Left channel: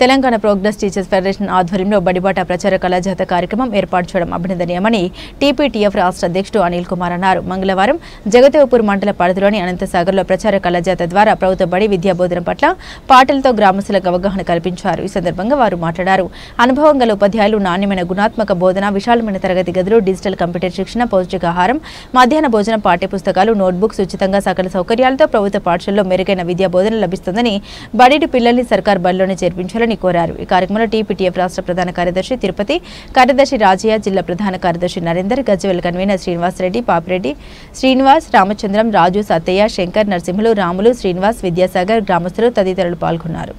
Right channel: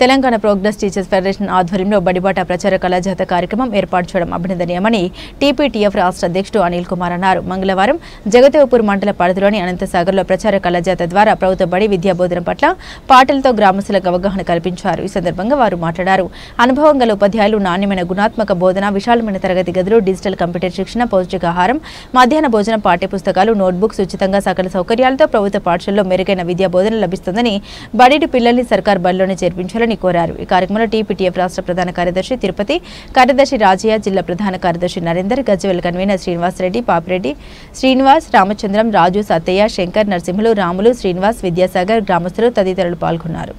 Telangana progress teachers federation ఆధ్వర్యంలో బడిబాట ప్రచార కళాజాత కార్యక్రమం ఏర్పాటు చేయడం అభినందనీయమని టీపీటీఎఫ్ రాష్ట్ర అధ్యక్షుడు అనిల్ కుమార్ అన్నారు. మంగళవారం జగదేవ్పూర్ మండల పరిధిలోని అనంతసాగర్లో ప్రచార కళాజాత ద్వారా ప్రభుత్వ బడి విద్యా బోధన పట్ల పాటలతో గ్రామస్తులకు అవగాహన కల్పించారు. ఈ సందర్భంగా వారు మాట్లాడారు. అనుభవం గల ఉపాధ్యాయులు, నాణ్యమైన గుణాత్మక బోధన, విశాలమైన తరగతి గదులు, డిజిటల్ కంప్యూటర్ శిక్షణ, పౌష్టికాహారం, మధ్యాహ్న భోజనం, పాఠ్యపుస్తకాలు, నోట్బుక్స్ ఉచితంగా సకల సౌకర్యాలతో ప్రభుత్వ పాఠశాలలో మెరుగైన విద్యా బోధన లభిస్తుందని, బడిటి పిల్లల్ని సర్కార్ బడిలోనే చేర్పించాలని కోరారు. ఈ కార్యక్రమంలో టీపీటీఎఫ్ రాష్ట్ర ప్రధాన కార్యదర్శి తిరుపతి, కార్యదర్శి రాజయ్య, జిల్లా ప్రధాన కార్యదర్శి నరేందర్, గజ్వేల్ కన్వీనర్ శ్రీనివాస్ రెడ్డి, పాపిరెడ్డి శ్రీనివాస్, రామచంద్రం, రాజు, సత్తయ్య, శంకర్, నరసింహులు, రాములు, శ్రీనివాస్, విద్యాసాగర్, గ్రామస్తులు తదితరులు పాల్గొన్నారు.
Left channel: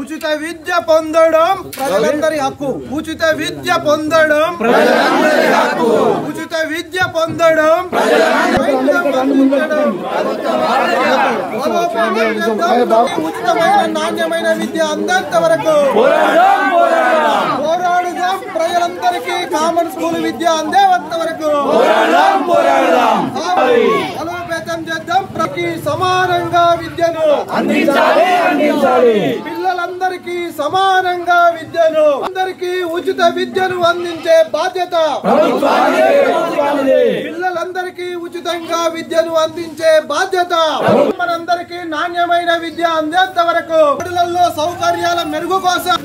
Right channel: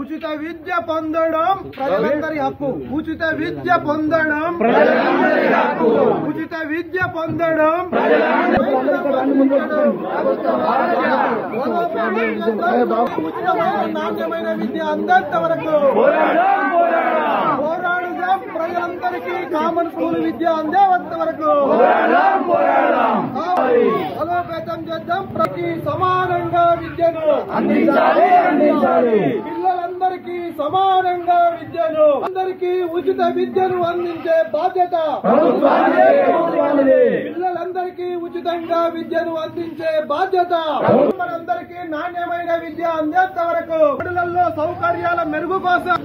ఉచిత విద్య పొందడం ప్రజలందరి హక్కు. ఉచిత విద్య పొందడం ప్రజలందరి హక్కు. ఉచిత విద్య పొందడం ఉచితమైన నాణ్యమైన విద్య అందేంత వరకు పోరాడుదాం. ప్రజలందరికీ కామన్ స్కూల్ విద్య అందేంత వరకు బలోపేతం చేద్దాం. ప్రతి సమానంగా విద్యను అందించాలి. పిల్లలందరికీ సమానంగా విద్యను, అందరికీ ఉచిత విద్యను అందించే బాధ్యత పిల్లలందరికీ ఉచితంగా విద్యను అందించే బాధ్యత మనందరికీ నాణ్యమైన విద్య అందేంత వరకు బడులలో సౌకర్యాల మెరుగు కోసం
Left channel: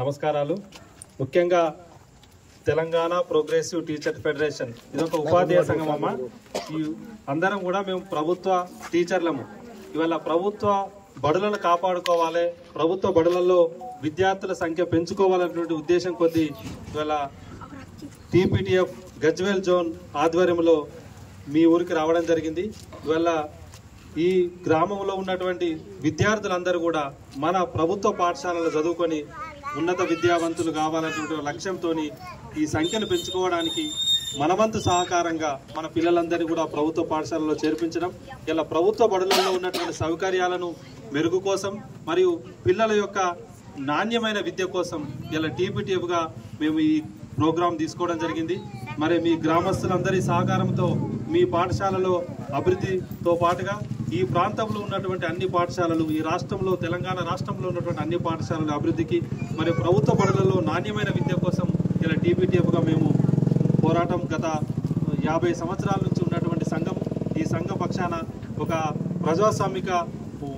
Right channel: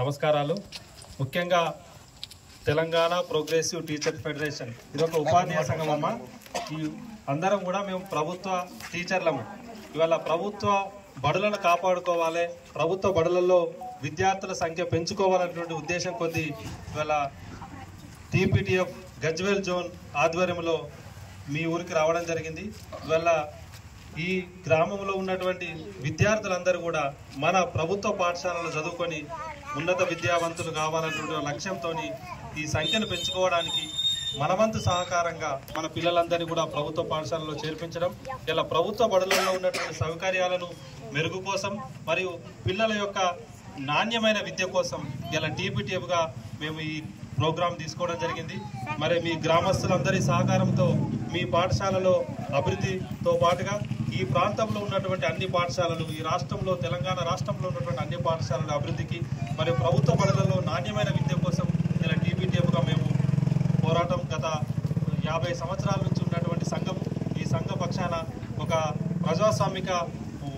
నమస్కారాలు. ముఖ్యంగా తెలంగాణ ప్రోగ్రెసివ్ టీచర్ ఫెడరేషన్ ఇదొక ఉపాధ్యాయ సంఘం అమ్మ. ఈ అందరం కూడా మేము ప్రభుత్వ టీచర్లము. ఇవాళ ప్రభుత్వ బడులను కాపాడుకోవాలి, ప్రభుత్వ బడులలో విద్యార్థుల సంఖ్య పెంచుకోవాలనేటువంటి ఉద్దేశం కొద్దీ ఇవాళ టీపీటీఎఫ్ గజ్వేల్ జోన్ ఆధ్వర్యంలో మీ ఊరికి రావడం జరిగింది. ఇవాళ ఈ గ్రామంలో ఉన్నటువంటి విద్యార్థులందరూ కూడా మన ప్రభుత్వ పాఠశాలలో చదువుకొని ఉన్నత విద్యావంతులు కావాలనేటువంటి లక్ష్యంతో ఈ సంఖ్యను పెంచుకోవడానికి మనవంతు సహకారంగా మన పిల్లలందరినీ కూడా ప్రభుత్వ పాఠశాలలో చేర్పించడం, ఇలా ప్రభుత్వ బడులలో ఉన్నటువంటి సౌకర్యాలను మెరుగు కోసం మరియు పిల్లల యొక్క నాణ్యమైన విద్య కోసం ఇలా టీపీటీఎఫ్గా మేము ఈ ప్రోగ్రాం తీసుకోవడం జరిగింది. మరి మీ గ్రామస్తులందరి సహకారంతో మీ పాఠశాలలో అభివృద్ధితో పాటుగా ఈ ప్రాంతంలో ఉన్నటువంటి అన్ని పాఠశాలలు, ఈ రాష్ట్రంలో తెలంగాణ రాష్ట్రంలో ఉన్నటువంటి అన్ని పాఠశాలల అభివృద్ధికి మరి ప్రభుత్వ బడులలో నాణ్యమైన విద్య కోసం ఇలా టీపీటీఎఫ్గా మేము పోరాటం గత 50 సంవత్సరాల నుంచి ఉన్నటువంటి సంఘం. ఈ సంఘ పక్షాన ఒక ప్రజాస్వామిక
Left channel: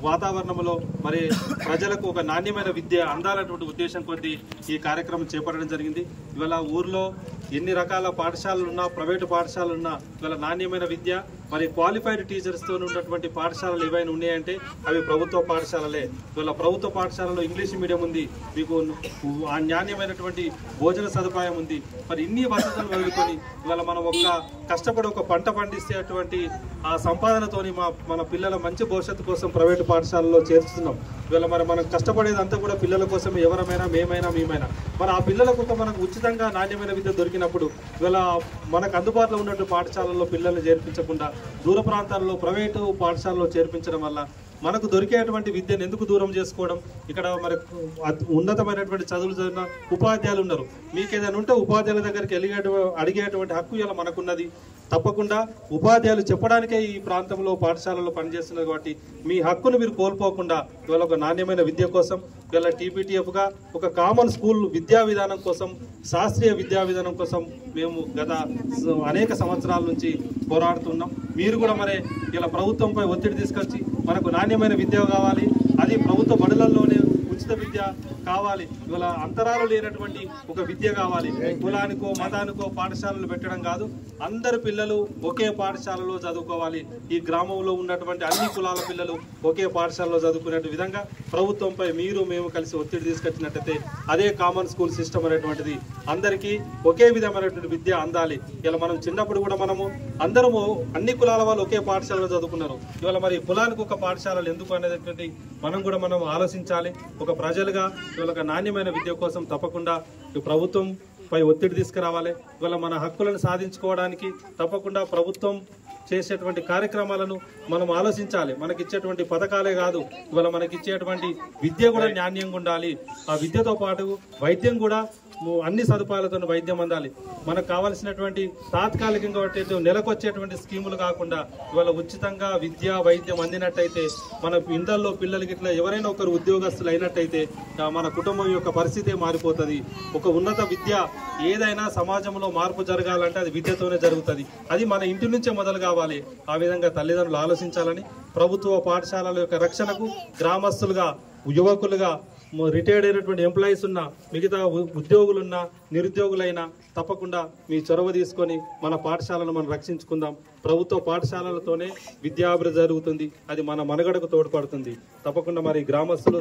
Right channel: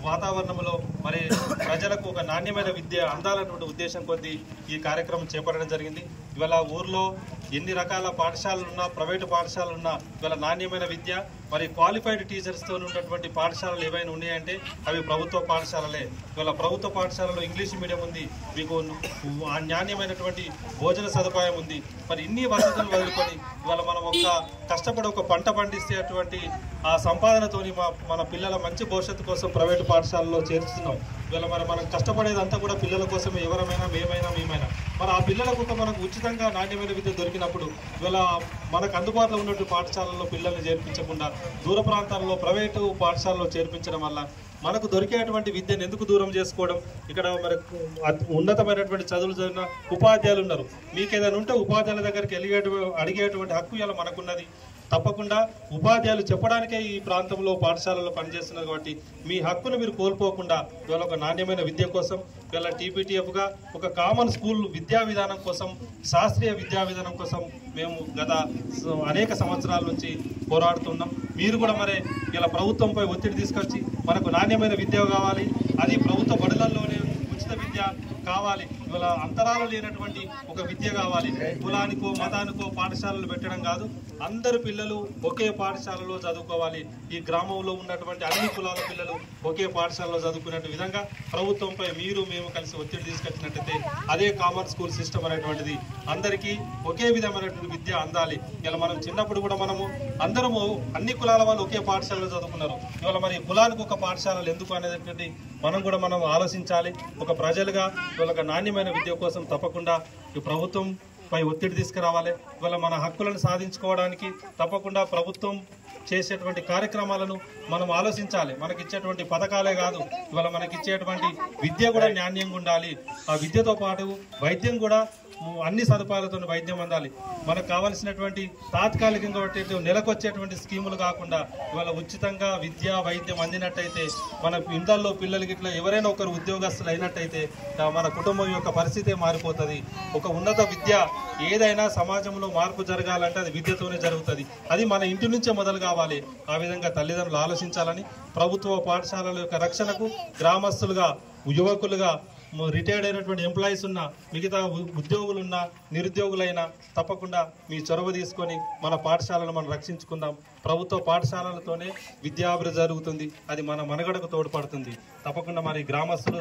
వాతావరణంలో మరి ప్రజలకు ఒక నాణ్యమైన విద్య అందాలన్నటువంటి ఉద్దేశం కొద్దీ ఈ కార్యక్రమం చేపట్టడం జరిగింది. ఇవాళ ఊర్లో ఎన్ని రకాల పాఠశాలలు ఉన్నా, ప్రైవేటు పాఠశాలలు ఉన్నా, ఇవాళ నాణ్యమైన విద్య మరి క్వాలిఫైడ్ టీచర్స్తో ఉన్నటువంటి పాఠశాలలు ఏవైనా ఉన్నాయంటే అవి ప్రభుత్వ పాఠశాలలే. ఇవాళ ప్రభుత్వ పాఠశాలలో ఇంగ్లీష్ మీడియం ఉంది, మీకు నాణ్యమైనటువంటి భోజన సదుపాయం ఉంది. మరి ఇన్ని వసతులు వదులుకొని ఇవాళ మనం కష్టపడి ఒక పంట పండిస్తే అటువంటి ఆ సంపాదనతోని మన పిల్లల మంచి భవిష్యత్తు కోసం ప్రైవేటు పాఠశాలలో చేర్చుతున్నాం. ఇవాళ మరి మనం కష్టపడేదంతా కూడా పిల్లల కోసమే, ఎవరమైనా మేమైనా. మరి ఆ పిల్లలకు మనకు ఉచితంగా నాణ్యమైన విద్య దొరికినప్పుడు ఇవాళ మనకు అందుబాటులో ఉన్నటువంటి పాఠశాలల్లో పిల్లల్ని చేర్పించకుండా దూర ప్రాంతాల్లో ప్రైవేటు పాఠశాలలో చేర్పించడం వల్ల మనకు దొరికేటువంటి విద్యను ఎందుకు దూరం చేసుకోవడం? ఇక్కడ మరి ఉన్నతమైనటువంటి చదువులు చదివిన ఉపాధ్యాయులు ఉన్నారు. మీకు ఏదైనా ఉంటే ఉపాధ్యాయుల దగ్గరికి అడిగేటువంటి హక్కు ఇలా మనకున్నది. తప్పకుండా ఉపాధ్యాయులు చెప్పడానికే ఈ ప్రాంతంలో పాఠశాలలో పనిచేస్తున్నారు కాబట్టి మీ హక్కును మీరు కోల్పోకుండా ఇవాళ ఒక నాణ్యమైన విద్య కోసం ఇవాళ టీపీటీఎఫ్గా ఒక కామన్ స్కూల్ విద్యా విధానం కోసం, శాస్త్రీయ విద్యా విధానం కోసం మేము గత అనేక సంవత్సరాల నుంచి పోరాడుతున్నాం. మీరు కూడా మరి ఇలా ప్రభుత్వంపై ఒత్తిడి తీసుకొచ్చి మనకు నాణ్యమైన విద్య కావాలి, అది ప్రభుత్వ బడులలోనే ఉచిత విద్య కావాలి. ఇవాళ అంతరాలు లేనటువంటి ఒక విద్య కావాలి. కులానికో మతానికో పాఠశాలలు పెట్టడం కాదు, అందరు పిల్లలు ఒకే పాఠశాలలో చదువుకోవాలి. ఈ గ్రామంలో ఉన్నటువంటి అన్ని కులాల పిల్లలు ఒకే పాఠశాలలో చదువుకునే విధంగా ప్రభుత్వంపై మీరు మేము కలిసి ఒత్తిడి తీసుకొచ్చినట్టయితే అదే కామన్ స్కూల్ సిస్టమ్ అనేటువంటిది అందరికీ ఒకే విధమైనటువంటి విద్య అందాలి. ఇలా మనం చిన్నప్పుడు కూడా మనము అందరము అన్ని కులాల వాళ్ళు ఒకే పాఠశాలలో చదువుకున్నారు. ఇవాళ మరి కులానికి ఒక పాఠశాలలు ఎందుకు అనేటువంటి మనం ఆలోచించాలి. ఒక ప్రజలుగా ఇవాళ ఒక నాణ్యమైన విద్య కోసం తప్పకుండా ఈ ప్రభుత్వం పై ఒత్తిడి తీసుకురావాలి. ఇవాళ మన హక్కులను సాధించుకోవడానికి తప్పకుండా ప్రభుత్వం చేసేటువంటి కార్యక్రమాలను మనం ఆలోచించాలి. మనకిచ్చేటువంటి పథకాలే కాదు, ఇవాళ మనకిచ్చేటువంటి విద్య కూడా నాణ్యంగా ఉండాలి. ఆ విద్యతో పాటు వైద్యం కూడా అన్ని సదుపాయాలతో వైద్యం అందాలి. మనకు కావాల్సినటువంటి తాత్కాలికంగా నెలకు వచ్చేటువంటి స్కీములు కాకుండా ఇవాళ ఉచితంగా విద్య వైద్యం అందినట్టయితే మన ఇండ్లలో పిల్లలకి ఇట్లా ఎవరైనా ఒకరు ఉద్యోగస్తులు అయినట్టయితే మన కుటుంబం యొక్క పరిస్థితే మారిపోతుంది. ఒక ఉన్నత విద్య ఏదైనా సమాజంలో మార్పు జరగాలంటే అది విద్యతోనే జరుగుతుంది. అది మన ఇంటి నుంచే మొదలు కావాలి. ఆ విధంగా తల్లిదండ్రులు ఆలోచించాలని, ప్రభుత్వ పాఠశాలల యొక్క రక్షణకు గ్రామస్తులుగా, యువకులుగా, రిటైర్డ్ అయినటువంటి ఎంప్లాయీస్ ఉన్నా, మిగతా ఉద్యోగులున్నా, నిరుద్యోగులైనా తప్పకుండా మీ చొరవ తీసుకొని మన పాఠశాలను మనం రక్షించుకుందాం. ప్రభుత్వ పాఠశాలలతోనే విద్యాభివృద్ధి జరుగుతుంది. అది మన మనుగడకు తోడ్పడుతుంది. తప్పకుండా మరి గ్రామస్తులు